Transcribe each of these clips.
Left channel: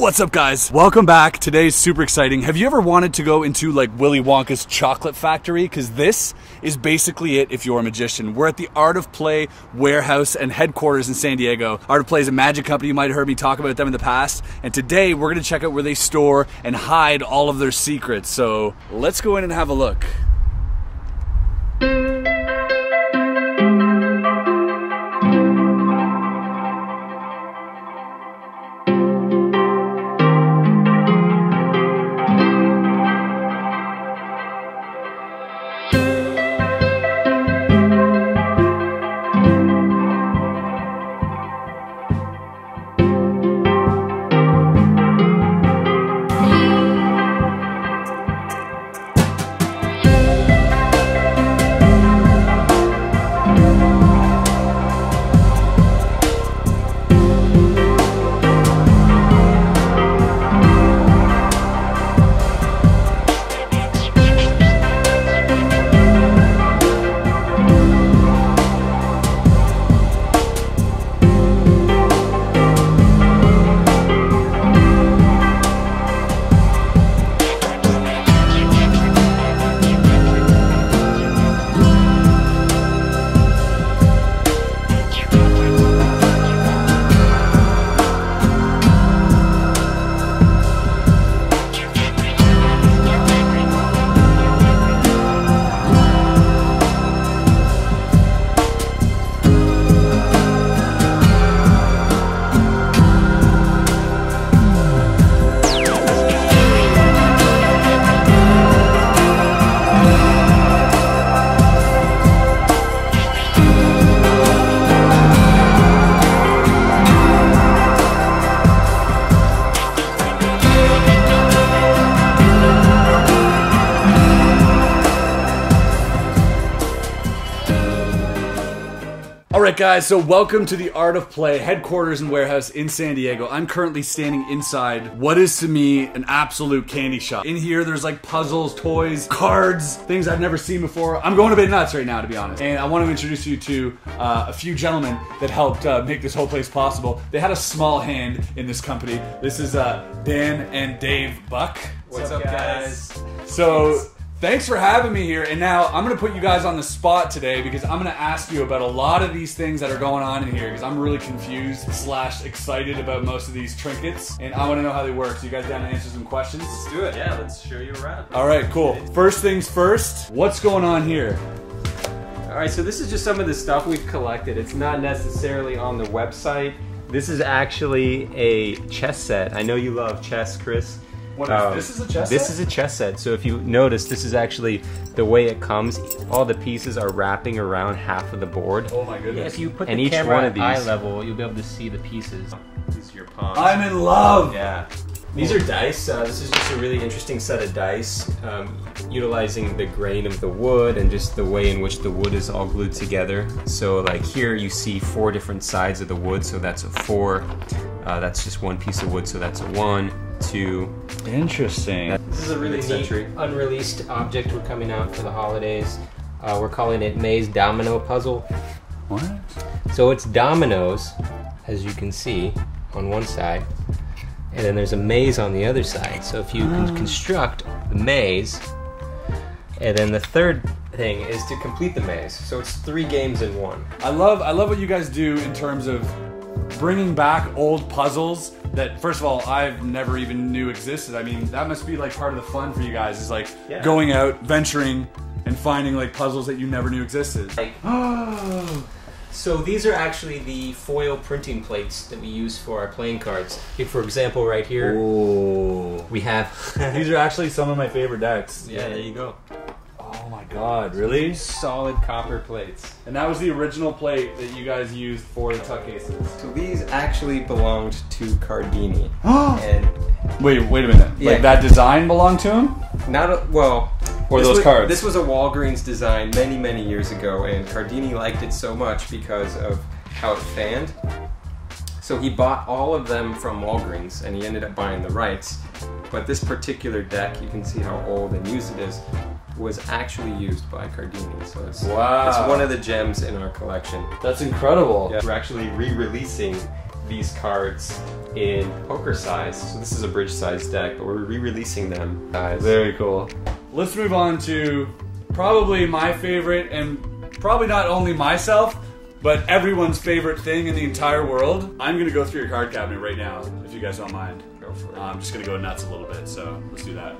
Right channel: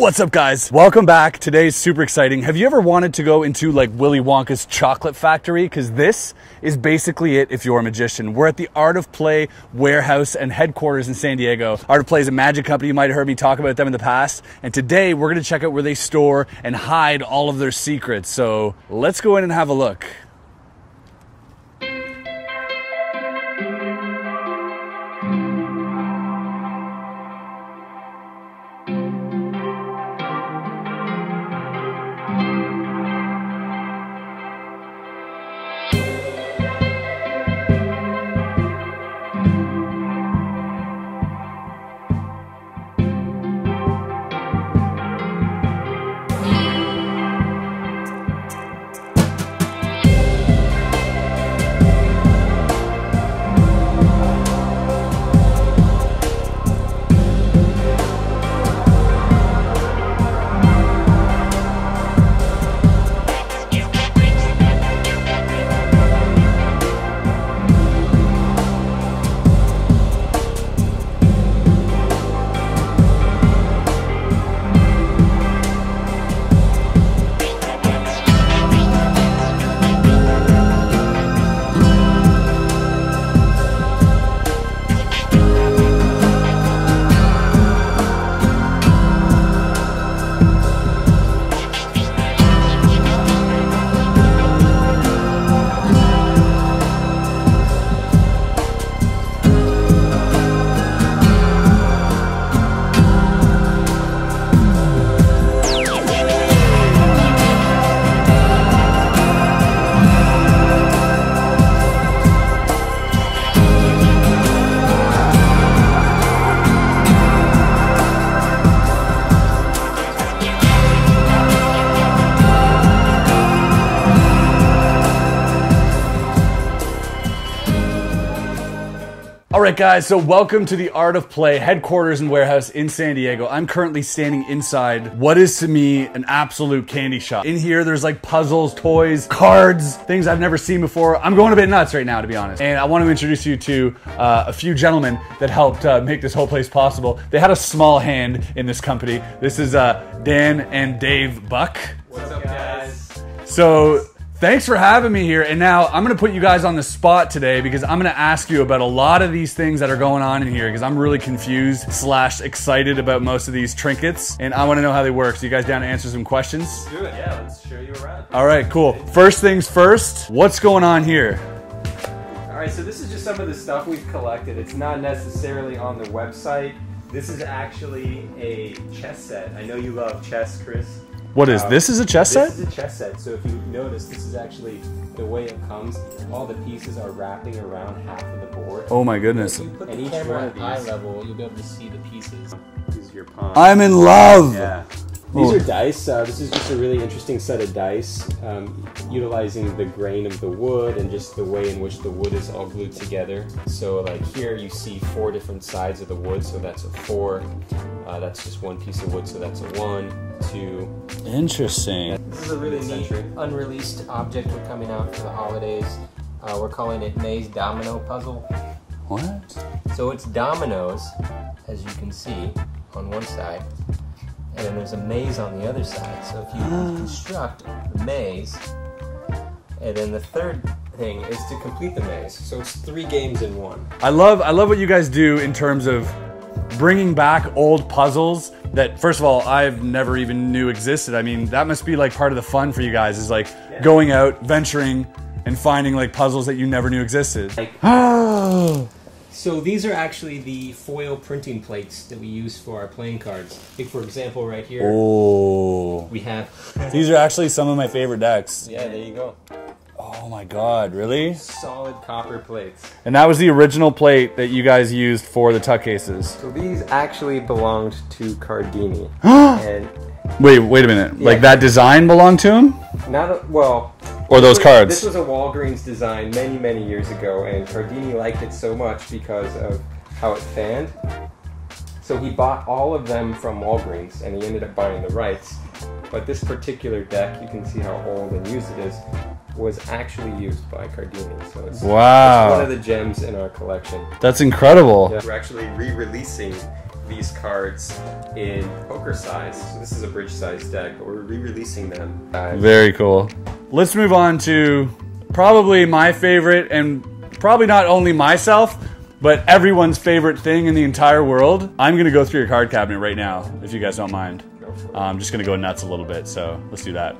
What's up, guys? Welcome back. Today's super exciting. Have you ever wanted to go into like Willy Wonka's chocolate factory? Because this is basically it if you're a magician. We're at the Art of Play warehouse and headquarters in San Diego. Art of Play is a magic company. You might have heard me talk about them in the past. And today we're gonna check out where they store and hide all of their secrets. So let's go in and have a look. Alright guys, so welcome to the Art of Play headquarters and warehouse in San Diego. I'm currently standing inside what is to me an absolute candy shop. In here there's like puzzles, toys, cards, things I've never seen before. I'm going a bit nuts right now, to be honest. And I want to introduce you to a few gentlemen that helped make this whole place possible. They had a small hand in this company. This is Dan and Dave Buck. What's up guys? So thanks for having me here, and now I'm gonna put you guys on the spot today because I'm gonna ask you about a lot of these things that are going on in here because I'm really confused / excited about most of these trinkets, and I wanna know how they work. So you guys down to answer some questions? Let's do it. Yeah, let's show you around. All right, cool. First things first, what's going on here? All right, so this is just some of the stuff we've collected. It's not necessarily on the website. This is actually a chess set. I know you love chess, Chris. What is this? Is a chess set? This is a chess set. So if you notice, this is actually the way it comes. All the pieces are wrapping around half of the board. Oh my goodness. If you put And the each camera one at of these, eye level, you'll be able to see the pieces. This is your palm. I'm in love. Yeah. These are dice. This is just a really interesting set of dice, utilizing the grain of the wood and just the way in which the wood is all glued together. So like here you see 4 different sides of the wood, so that's a 4. That's just one piece of wood, so that's a 1, 2. Interesting. This is a really neat unreleased object we're coming out for the holidays. We're calling it Maze Domino Puzzle. What? So it's dominoes, as you can see, on one side, and then there's a maze on the other side. So if you can construct the maze, and then the third thing is to complete the maze. So it's 3 games in 1. I love what you guys do in terms of bringing back old puzzles that, first of all, I've never even knew existed. I mean, that must be like part of the fun for you guys, is like going out, venturing, and finding like puzzles that you never knew existed. Oh. So these are actually the foil printing plates that we use for our playing cards. Like for example, right here, we have... These are actually some of my favorite decks. Yeah, there you go. Oh my god, really? Solid copper plates. And that was the original plate that you guys used for the tuck cases. So these actually belonged to Cardini. And Wait a minute. Yeah. Like that design belonged to him? well. Or those cards? This was a Walgreens design many years ago, and Cardini liked it so much because of how it fanned. So he bought all of them from Walgreens, and he ended up buying the rights. But this particular deck, you can see how old and used it is, was actually used by Cardini. So it's one of the gems in our collection. That's incredible. Yeah, we're actually re-releasing these cards in poker size. So this is a bridge size deck, but we're re-releasing them. Very cool. Let's move on to probably my favorite, and probably not only myself, but everyone's favorite thing in the entire world. I'm gonna go through your card cabinet right now, if you guys don't mind. I'm just gonna go nuts a little bit, so let's do that.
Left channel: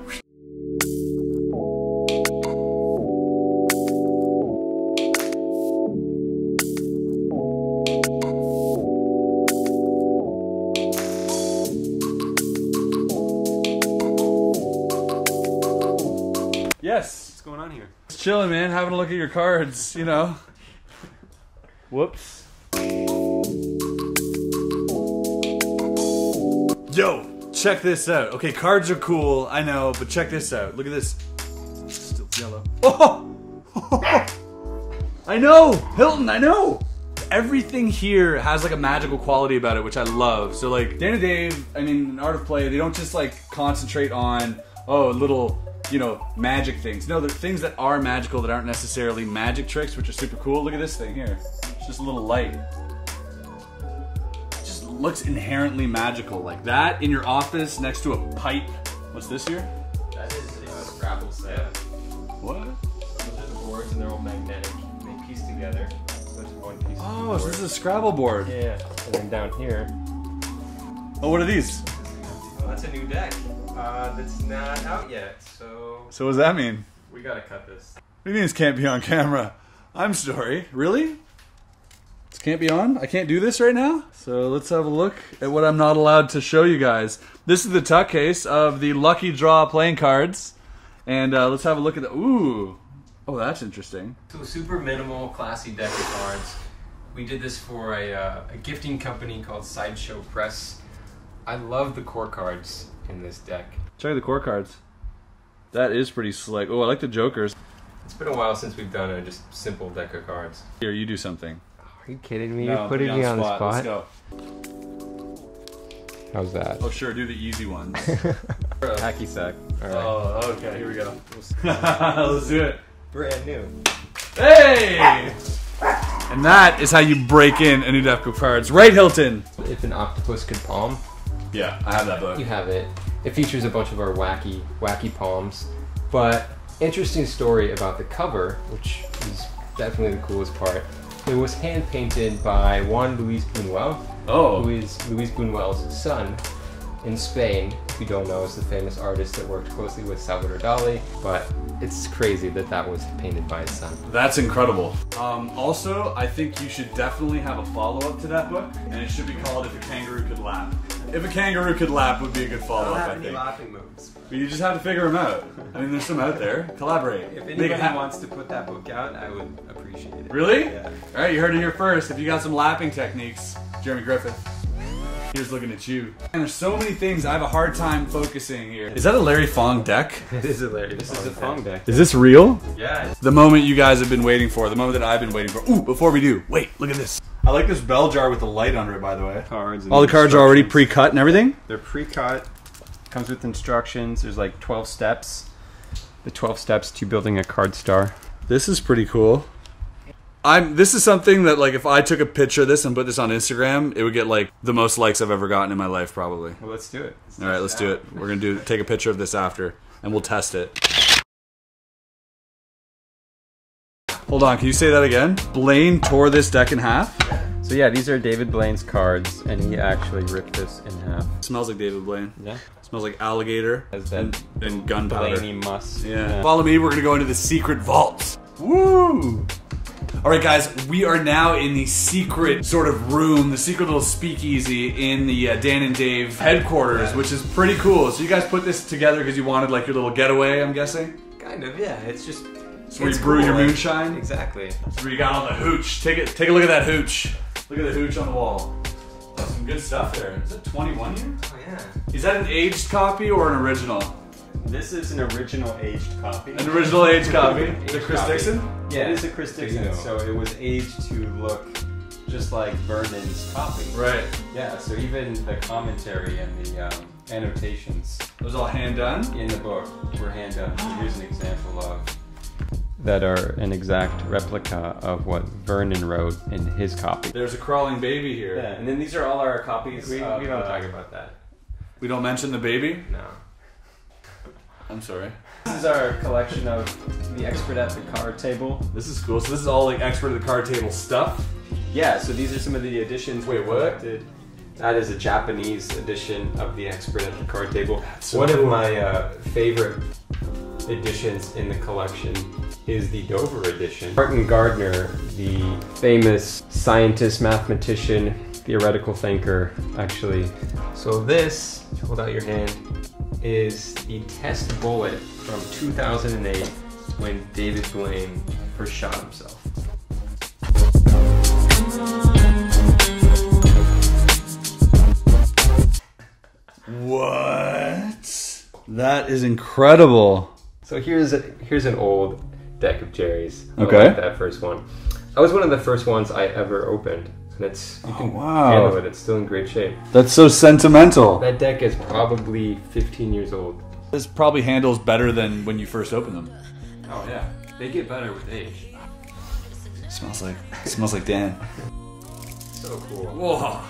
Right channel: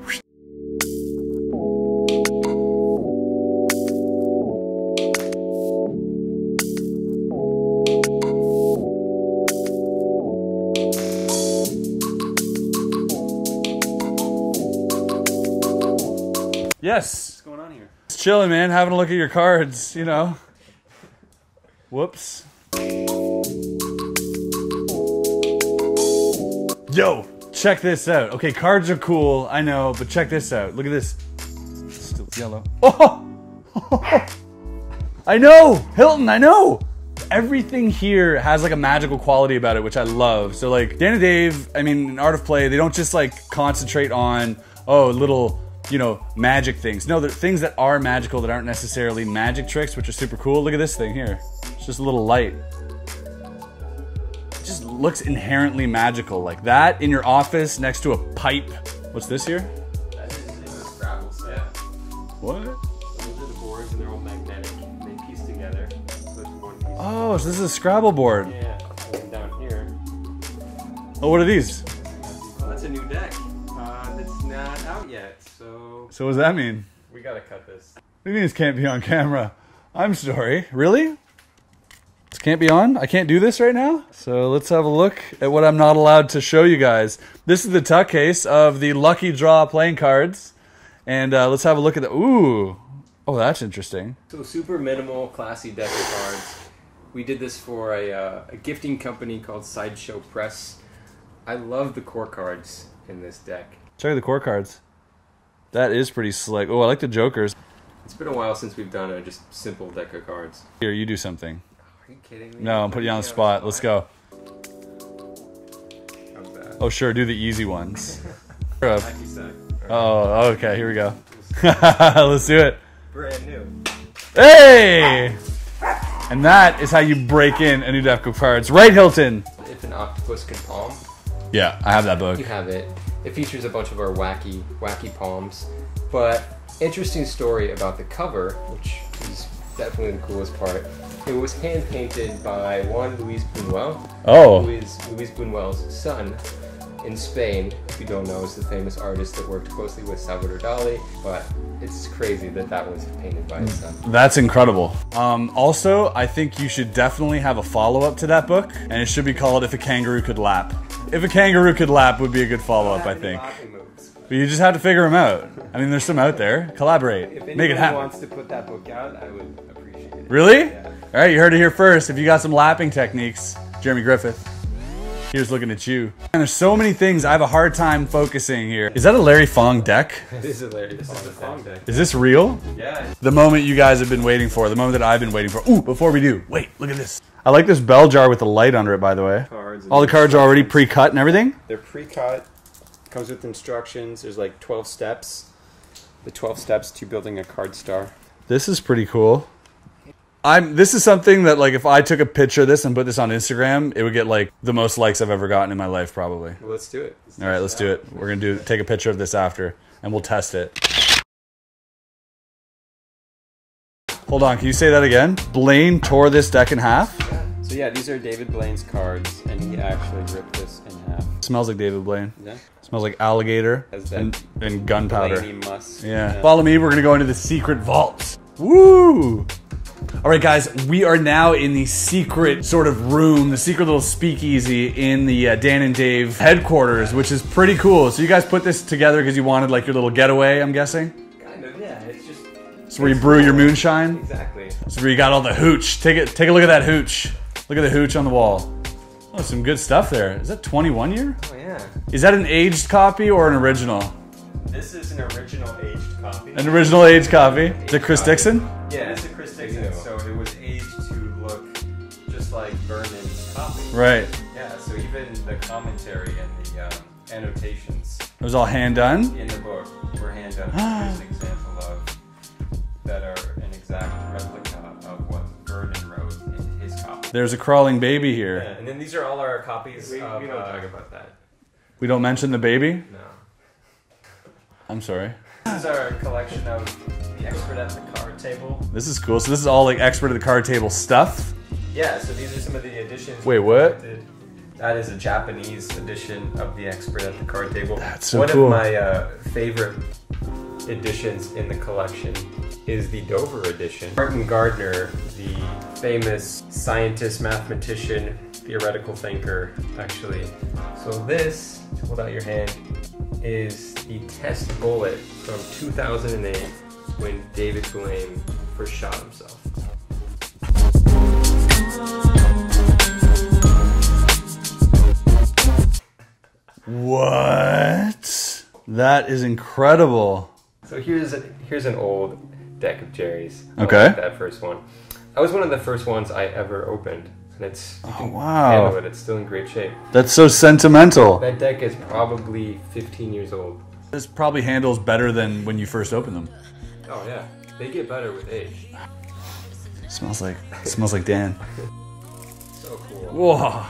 Yes. What's going on here? Just chilling, man. Having a look at your cards, you know. Whoops. Yo, check this out. Okay, cards are cool, I know, but check this out. Look at this. Still yellow. Oh! I know! Hilton, I know! Everything here has like a magical quality about it, which I love. So like, Dan and Dave, I mean, in Art of Play, they don't just like concentrate on, oh, little, you know, magic things. No, they're things that are magical that aren't necessarily magic tricks, which are super cool. Look at this thing here. It's just a little light. It just looks inherently magical. Like that in your office next to a pipe. What's this here? That is a Scrabble set. What? Those are the boards and they're all magnetic. They piece together. So it's one piece. Oh, so this is a Scrabble board. Yeah. And then down here. Oh, what are these? Well, that's a new deck. That's not out yet, so So what does that mean? we gotta cut this. What do you mean this can't be on camera? I'm sorry. Really? This can't be on? I can't do this right now? So let's have a look at what I'm not allowed to show you guys. This is the tuck case of the Lucky Draw playing cards. And let's have a look at the... Ooh. Oh, that's interesting. So super minimal, classy deck of cards. We did this for a gifting company called Sideshow Press. I love the core cards in this deck. Check out the core cards. That is pretty slick. Oh, I like the jokers. It's been a while since we've done a just simple deck of cards. Here, you do something. Are you kidding me? No, You're I'm putting you putting on me the spot. Let's go. How's that? Oh, sure, do the easy ones. Hacky sack. Oh, okay, here we go. Let's do it. Brand new. Hey! And that is how you break in a new deck of cards. Right, Hilton? If an octopus could palm, Yeah, I have that book. you have it. It features a bunch of our wacky palms. But interesting story about the cover, which is definitely the coolest part. It was hand painted by Juan Luis Buñuel. Oh. Luis Buñuel's son in Spain. If you don't know, is the famous artist that worked closely with Salvador Dali. But it's crazy that that was painted by his son. That's incredible. Also, I think you should definitely have a follow-up to that book, and it should be called If a Kangaroo Could Lap. If a Kangaroo Could Lap would be a good follow-up, I think. But you just have to figure them out. I mean, there's some out there. Collaborate. If Make it anyone happen. wants to put that book out, I would appreciate it. Really? Yeah. All right, you heard it here first. If you got some lapping techniques, Jeremy Griffith. Here's looking at you. And there's so many things I have a hard time focusing here. Is that a Larry Fong deck? It is hilarious. This is a Fong deck. Is this real? Yeah. The moment you guys have been waiting for, the moment that I've been waiting for. Ooh, before we do, wait, look at this. I like this bell jar with the light under it, by the way. Cards. And All the cards are already pre-cut and everything? They're pre-cut. Comes with instructions. There's like 12 steps. The 12 steps to building a card star. This is pretty cool. This is something that, like, if I took a picture of this and put this on Instagram, it would get like the most likes I've ever gotten in my life, probably. Well, let's do it. All right, let's do it. We're gonna take a picture of this after, and we'll test it. Hold on, can you say that again? Blaine tore this deck in half? So yeah, these are David Blaine's cards, and he actually ripped this in half. Smells like David Blaine. Yeah. Smells like alligator and gunpowder. Blaney must. Yeah. Follow me, we're gonna go into the secret vault. Woo! Alright guys, we are now in the secret sort of room, the secret little speakeasy in the Dan and Dave headquarters, which is pretty cool. So you guys put this together because you wanted like your little getaway, I'm guessing? Kind of, yeah. It's just... It's where you brew your moonshine? Exactly. It's where you got all the hooch. Take a look at that hooch. Look at the hooch on the wall. Oh, some good stuff there. Is that 21 year? Oh yeah. Is that an aged copy or an original? This is an original aged copy. An original aged copy. Is it Chris Dixon? Yeah, it's a Chris Dixon, so it was aged to look just like Vernon's copy. Right. Yeah, so even the commentary and the annotations It was all hand done? in the book were hand done. Here's an example of that are an exact replica of what Vernon wrote in his copy. There's a crawling baby here. Yeah, and then these are all our copies. We don't talk about that. We don't mention the baby? No. I'm sorry. This is our collection of the expert at the card table. This is cool. So this is all like expert at the card table stuff? Yeah, so these are some of the editions. Wait, what? That is a Japanese edition of the expert at the card table. That's so One cool. of my favorite editions in the collection is the Dover edition. Martin Gardner, the famous scientist, mathematician, theoretical thinker, actually. So this, hold out your hand, is the test bullet from 2008 when David Blaine first shot himself. What? That is incredible. So here's an old deck of Jerry's. Okay. I like that first one. That was one of the first ones I ever opened. And it's, you can handle it, it's still in great shape. That's so sentimental. That deck is probably 15 years old. This probably handles better than when you first opened them. Oh yeah, they get better with age. Smells like Dan. So cool. Whoa.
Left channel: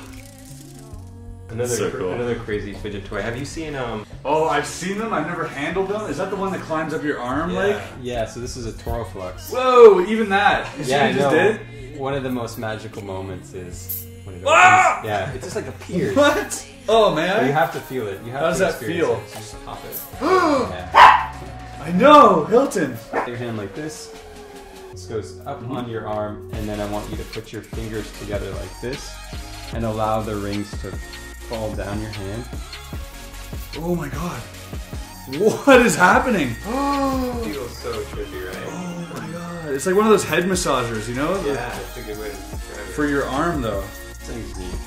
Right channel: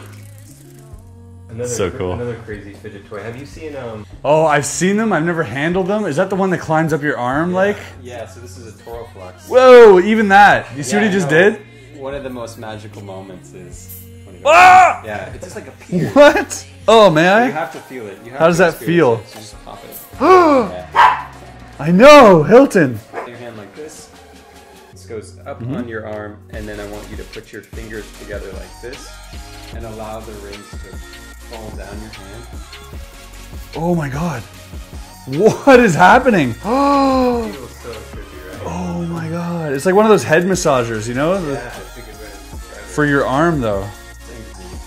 So cool. Another crazy fidget toy. Have you seen Oh, I've seen them. I've never handled them. Is that the one that climbs up your arm like? Yeah, so this is a Toraflux. Whoa, even that. You see what he just did? One of the most magical moments is... Ah! Yeah, it just like appears. What? Oh, may You I? have to feel it. How does that feel? It. Just pop it. Yeah. I know, Hilton. Your hand like this. This goes up on your arm, and then I want you to put your fingers together like this, and allow the rings to fall down your hand. Oh my god. What is happening? Oh, feels so trippy, right? Oh my god. It's like one of those head massagers, you know? Yeah, that's a good way to describe it. For your arm, though.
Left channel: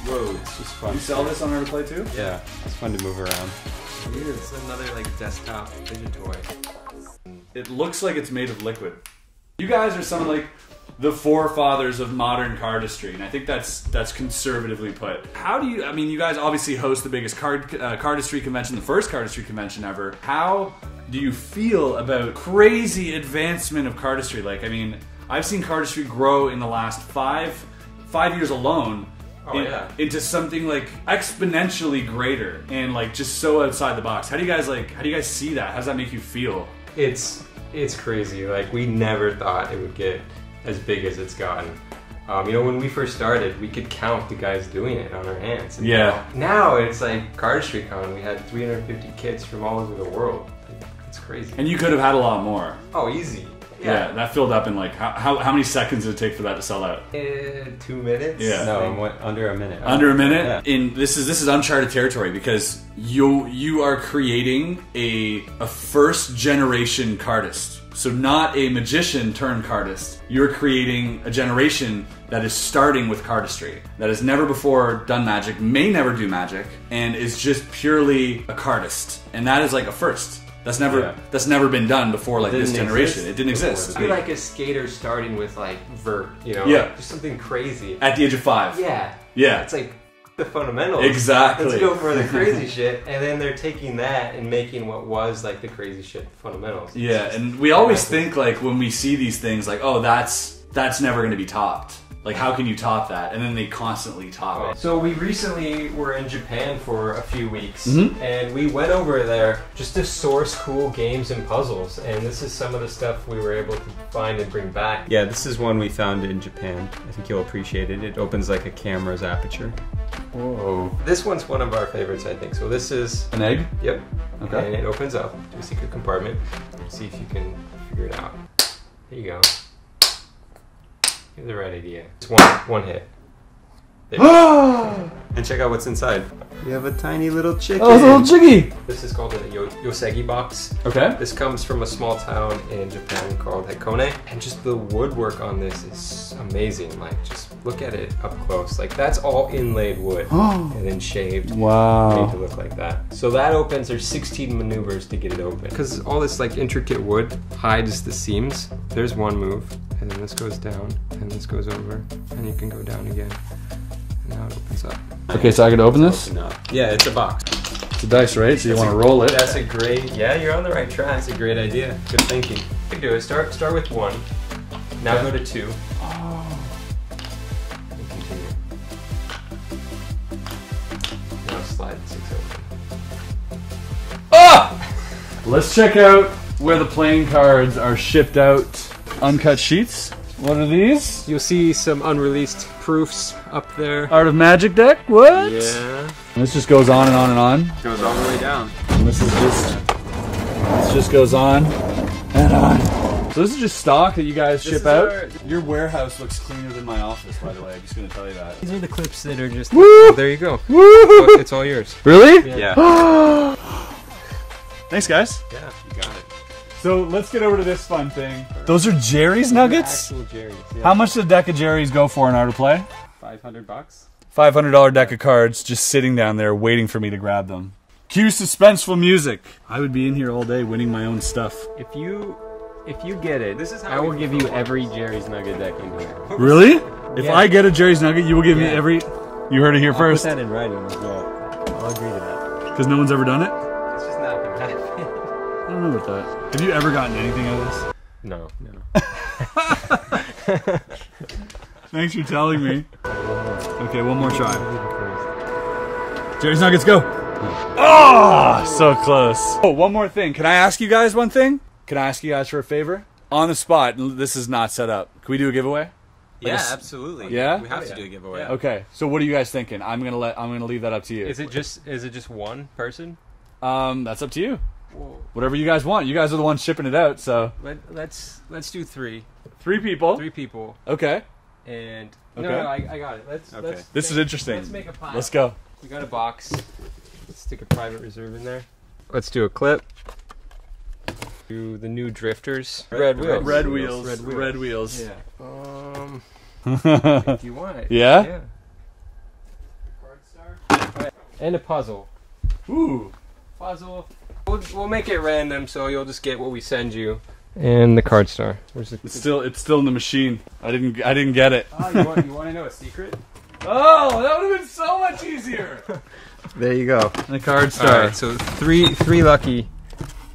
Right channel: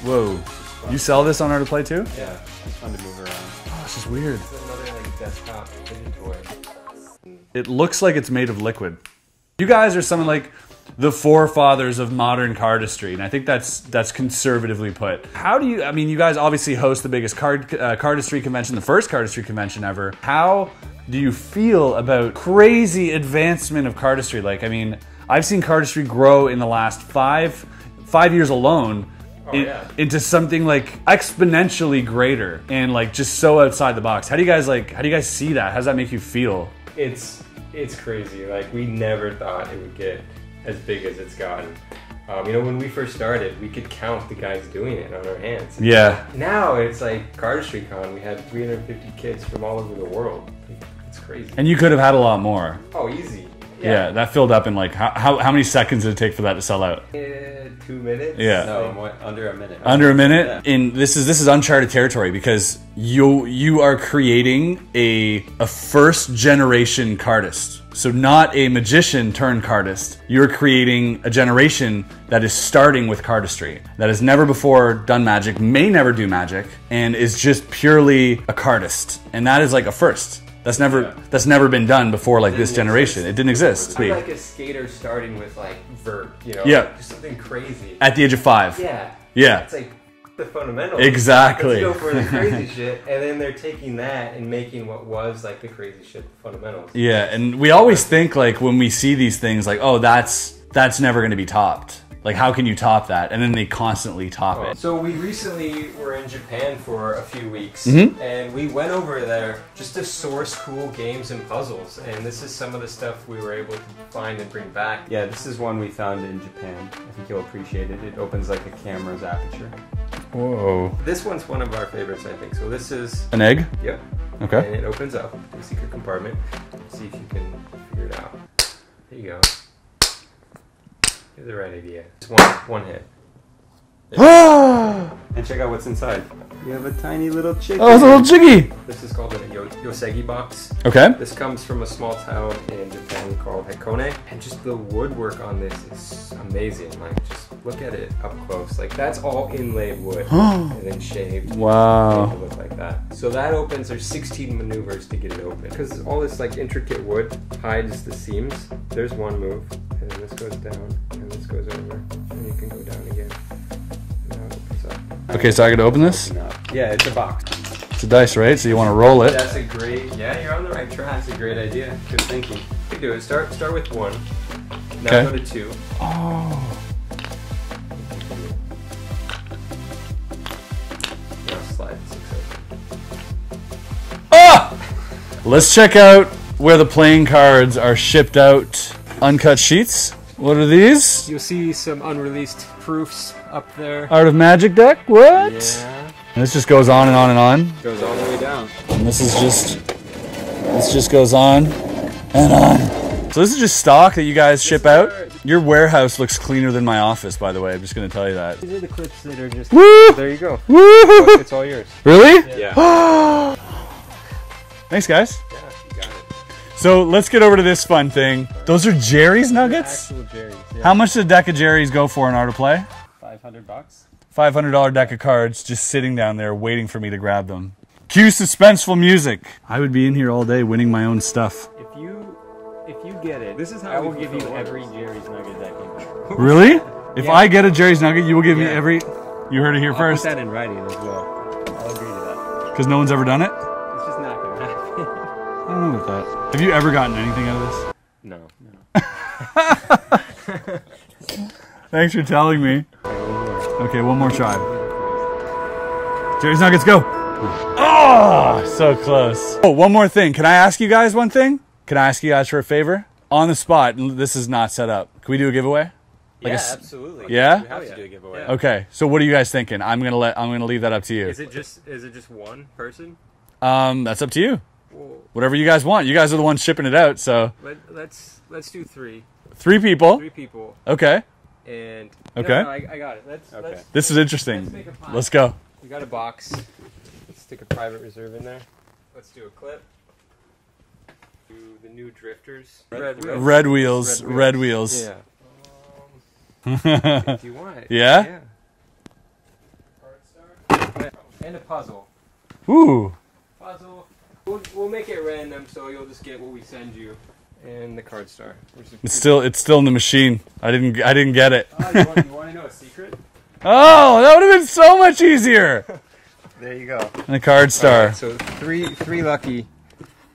Whoa, it's just fun. You sell this on Art of Play too? Yeah, it's fun to move around. This is weird. It's another like desktop fidget toy. It looks like it's made of liquid. You guys are some of like the forefathers of modern cardistry, and I think that's conservatively put. How do you? I mean, you guys obviously host the biggest cardistry convention, the first cardistry convention ever. How do you feel about crazy advancement of cardistry? Like, I mean, I've seen cardistry grow in the last five years alone. Into something like exponentially greater and like just so outside the box. How do you guys see that? How does that make you feel? It's crazy. Like, we never thought it would get as big as it's gotten. You know, when we first started, we could count the guys doing it on our hands. Yeah. Now it's like Cardistry Con. We had 350 kids from all over the world. It's crazy. And you could have had a lot more. Oh, easy. Yeah, that filled up in like how many seconds did it take for that to sell out? 2 minutes. Yeah. No, under a minute. Under a minute. Yeah. This is uncharted territory because you are creating a first generation cardist. So not a magician turned cardist. You're creating a generation that is starting with cardistry, that has never before done magic, may never do magic, and is just purely a cardist. And that is like a first. That's never been done before, like this generation. It didn't exist. It's like a skater starting with like vert, you know? Yeah. Like just something crazy. At the age of 5. Yeah. Yeah. It's like the fundamentals. Exactly. Let's go for the crazy shit, and then they're taking that and making what was like the crazy shit fundamentals. Yeah, and we always think like when we see these things like, oh, that's never going to be topped. Like, how can you top that? And then they constantly top it. So we recently were in Japan for a few weeks, and we went over there just to source cool games and puzzles. And this is some of the stuff we were able to find and bring back. Yeah, this is one we found in Japan. I think you'll appreciate it. It opens like a camera's aperture. Whoa. This one's one of our favorites, I think. So this is... An egg? Yep. Okay. And it opens up a secret compartment. Let's see if you can figure it out. There you go. You're the right idea. It's one hit. And check out what's inside. We have a tiny little chicken. Oh, it's a little chiggy. This is called a Yosegi box. Okay. This comes from a small town in Japan called Hakone. And just the woodwork on this is amazing. Like, just look at it up close. Like, that's all inlaid wood and then shaved. Wow. Made to look like that. So that opens, there's 16 maneuvers to get it open. Because all this like intricate wood hides the seams. There's one move, and then this goes down, and this goes over, and you can go down again. And now it opens up. Okay, so I could open this? Yeah, it's a box. It's a dice, right? So you want to roll it. That's a great, yeah, you're on the right track. That's a great idea. Good thinking. Pick do is start with 1. Now Okay. go to 2. Oh. Now slide 6 over. Ah! Let's check out where the playing cards are shipped out. Uncut sheets. What are these? You'll see some unreleased proofs up there. Art of Magic deck? What? Yeah. And this just goes on and on and on. Goes all the way down. And this just goes on and on. So this is just stock that you guys ship out? Your warehouse looks cleaner than my office, by the way. I'm just going to tell you that. These are the clips that are just... Woo! There you go. Woo! It's all yours. Really? Yeah. Thanks, guys. Yeah. So let's get over to this fun thing. Those are Jerry's nuggets? Actual Jerry's, yeah. How much did a deck of Jerry's go for in Art of Play? $500. $500 deck of cards just sitting down there waiting for me to grab them. Cue suspenseful music. I would be in here all day winning my own stuff. If you get it, I will give you every Jerry's Nugget deck in here. Really? If Yeah. I get a Jerry's nugget, you will give me Yeah. every... You heard it here I'll first. put that in writing as well. I'll agree to that. Because no one's ever done it? It's just not gonna happen. I don't know about that. Have you ever gotten anything out of this? No. Thanks for telling me. Okay, one more try. Jerry's nuggets, go! Oh, so close. Oh, one more thing. Can I ask you guys one thing? Can I ask you guys for a favor? On the spot, this is not set up. Can we do a giveaway? Yeah, absolutely. Yeah? We have to do a giveaway. Yeah. Okay, so what are you guys thinking? I'm gonna leave that up to you. Is it just one person? That's up to you. Whoa. Whatever you guys want. You guys are the ones shipping it out, so Let's do 3. 3 people. 3 people. Okay. And Okay. No, I got it. Let's This is interesting. Let's make a pile. Let's go. We got a box. Let's stick a private reserve in there. Let's do a clip. Do the new drifters. Red wheels. Red wheels. Red wheels. Yeah. If you want it. Yeah? Yeah. Yeah. And a puzzle. Ooh. Puzzle. We'll make it random, so you'll just get what we send you. And the card star. Where's the? It's still in the machine. I didn't get it. Oh, you want to know a secret? Oh, that would have been so much easier. There you go. And a card star. Alright, so three lucky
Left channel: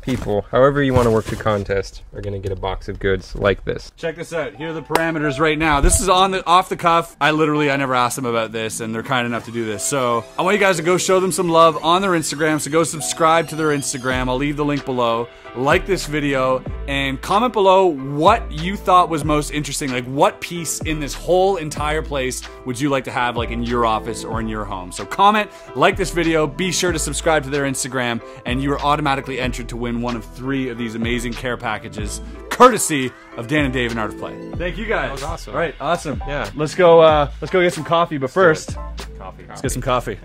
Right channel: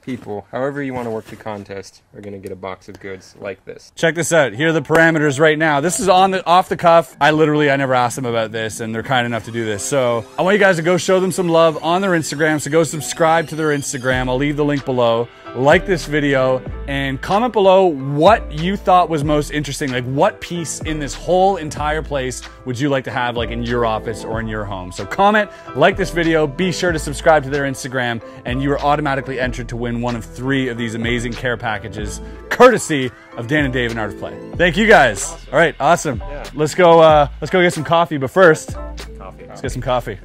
people, however you want to work the contest, are going to get a box of goods like this. Check this out. Here are the parameters right now. This is off the cuff. I never asked them about this, and they're kind enough to do this. So I want you guys to go show them some love on their Instagram. So go subscribe to their Instagram. I'll leave the link below. Like this video and comment below what you thought was most interesting. Like, what piece in this whole entire place would you like to have, like, in your office or in your home? So comment, like this video, be sure to subscribe to their Instagram, and you are automatically entered to win one of 3 of these amazing care packages, courtesy of Dan and Dave and Art of Play. Thank you guys. Awesome. All right, awesome. Yeah. Let's go get some coffee, but first, Coffee. let's get some coffee.